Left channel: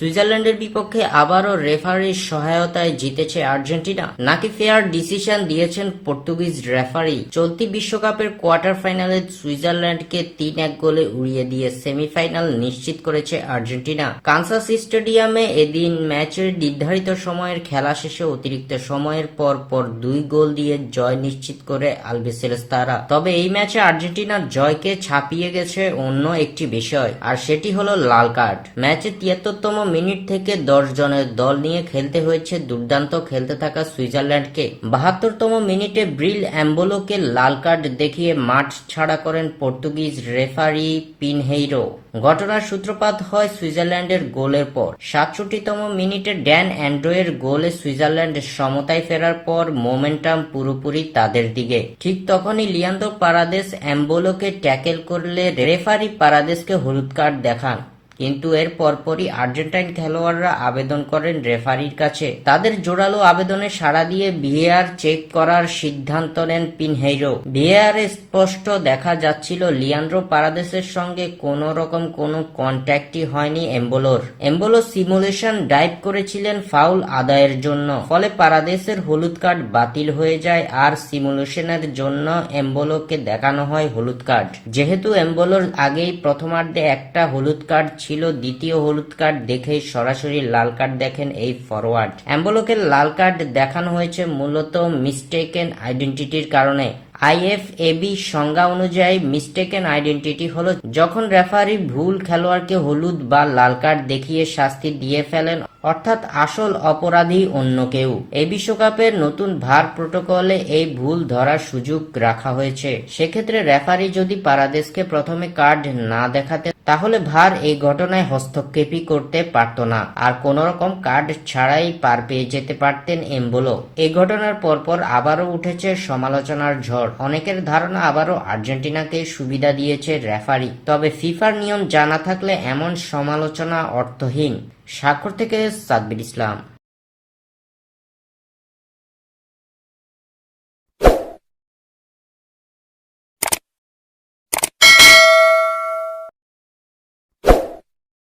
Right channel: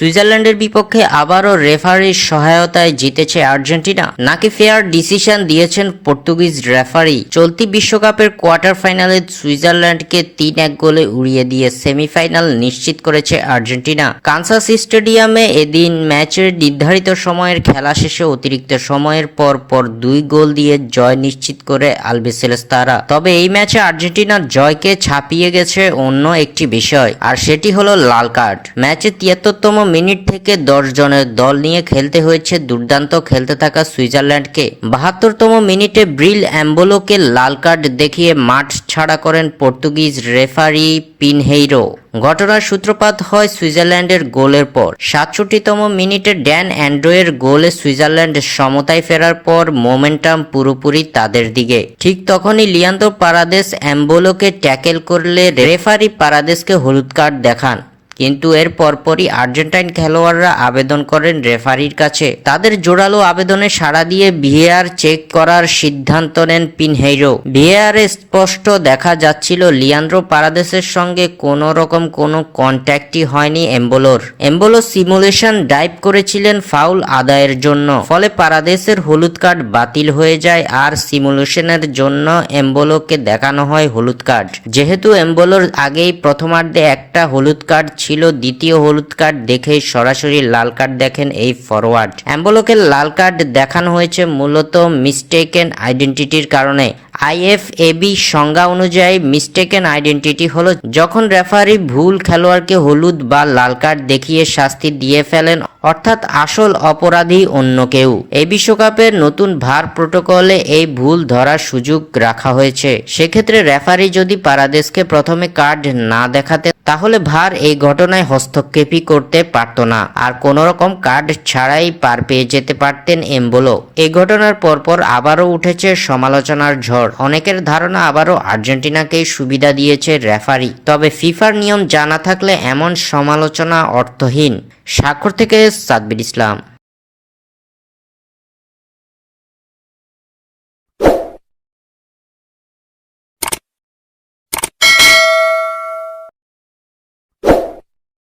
সুইজারল্যান্ডের বিপক্ষে আবারও রেফারির সহায়তায় জিতেছে আর্জেন্টিনা, নাকি ফেয়ার ডিসিশন দিয়েছেন পর্তুগিজ রেফারি? চলতি বিশ্বকাপের কোয়ার্টার ফাইনালে সুইজারল্যান্ডকে 3-1 গোলে উড়িয়ে দিয়ে সেমিফাইনাল নিশ্চিত করেছে আর্জেন্টিনা। কানসাস স্টেডিয়ামে এদিন ম্যাচের নির্ধারিত সময়ের খেলা শেষে অতিরিক্ত সময়ের পর 2 গোল দিয়ে জয় নিশ্চিত করে আলবিসেলেস্তারা। তবে এই ম্যাচে আর্জেন্টিনার জয়কে ছাপিয়ে গেছে অন্য একটি বিষয়, আর সেটি হলো লাল কার্ড। ম্যাচে 73তম মিনিট থেকে 10 জনের দল নিয়ে খেলতে হয়েছে দুর্দান্ত খেলতে থাকা সুইজারল্যান্ডকে। 72তম মিনিটে ব্রিল অ্যাম্বোলোকে লাল কার্ড দেখিয়ে মাঠ ছাড়া করেন পর্তুগিজ রেফারি পিনহেইরো। ঘটনার সূত্রপাত হয় সুইজারল্যান্ডের গোলের পর। 67তম মিনিটে ড্যান অ্যান্ড্রোয়ের গোলে সুইজারল্যান্ড সমতায় ফেরার পর মোমেন্টাম পুরোপুরি তাদের দিকে। ঠিক তখনই লিয়ান্দ্রো পারাদেস অ্যাম্বোলোকে ট্যাকেল করলে রেফারি পারাদেসকে হলুদ কার্ড দেখান, কিন্তু এর পরপরই আর্জেন্টাইন খেলোয়াড়রা আবেদন করেন রেফারির কাছে। তাদের জোরালো আবেদনে সাড়া দিয়ে ভিএআর চেক করার সিদ্ধান্ত নেন পিনহেইরো। ভিএআরে স্পষ্ট দেখা যাচ্ছিল লিয়ান্দ্রো পারাদেসের সঙ্গে কোনো রকম কোনো কন্ট্যাক্টই হয়নি এম্বোলোর। এম্বোলো সিমুলেশন ডাইভ করেছিলেন ফাউল আদায়ের জন্য, ফলে পারাদেসের হলুদ কার্ড বাতিল হয়ে যায় আর সিমুলেশনের জন্য এম্বোলোকে দেখানো হয় হলুদ কার্ড। যেহেতু এম্বোলোর আগেই প্রথমার্ধে একটা হলুদ কার্ড ছিল, দ্বিতীয় হলুদ কার্ড দেখেই সরাসরি লাল কার্ড দেখেন এই ফরওয়ার্ড। অ্যাম্বোলোকে লাল কার্ড দেখানো হয়েছে মূলত মিস্টেকেন আইডেন্টিটির কারণে। আইএফএবি সংজ্ঞা অনুযায়ী মিস্টেকেন আইডেন্টিটি হলো যখন রেফারি ভুল খেলোয়াড়কে হলুদ বা লাল কার্ড দেখিয়ে শাস্তি দিয়ে ফেলেন, অর্থাৎ আসল অপরাধী অন্য কেউ। এই বিশ্বকাপের নতুন ভার প্রোটোকলে এই ভুল ধরার সুযোগ রাখা হয়েছে। সেক্ষেত্রে রেফারি যদি পারাদেসকে প্রথমে কার্ড না দেখাতে, তাহলে ভার এই ঘটনায় হস্তক্ষেপই করতে পারত না, আর কোনো রকম কার্ড ছাড়াই পার পেয়ে যেতে পারতেন এম্বোলো। এই ঘটনার পরপর আবারও উঠেছে সমালোচনার ঝড়। অনেকের ধারণা আবারও আর্জেন্টিনাকেই সুবিধা দিয়েছে রেফারি। তবে ফিফার নিয়ম জানা থাকলে এমন সমালোচনা অর্থহীন। স্বাক্ষর থেকে সাব্বির ইসলাম।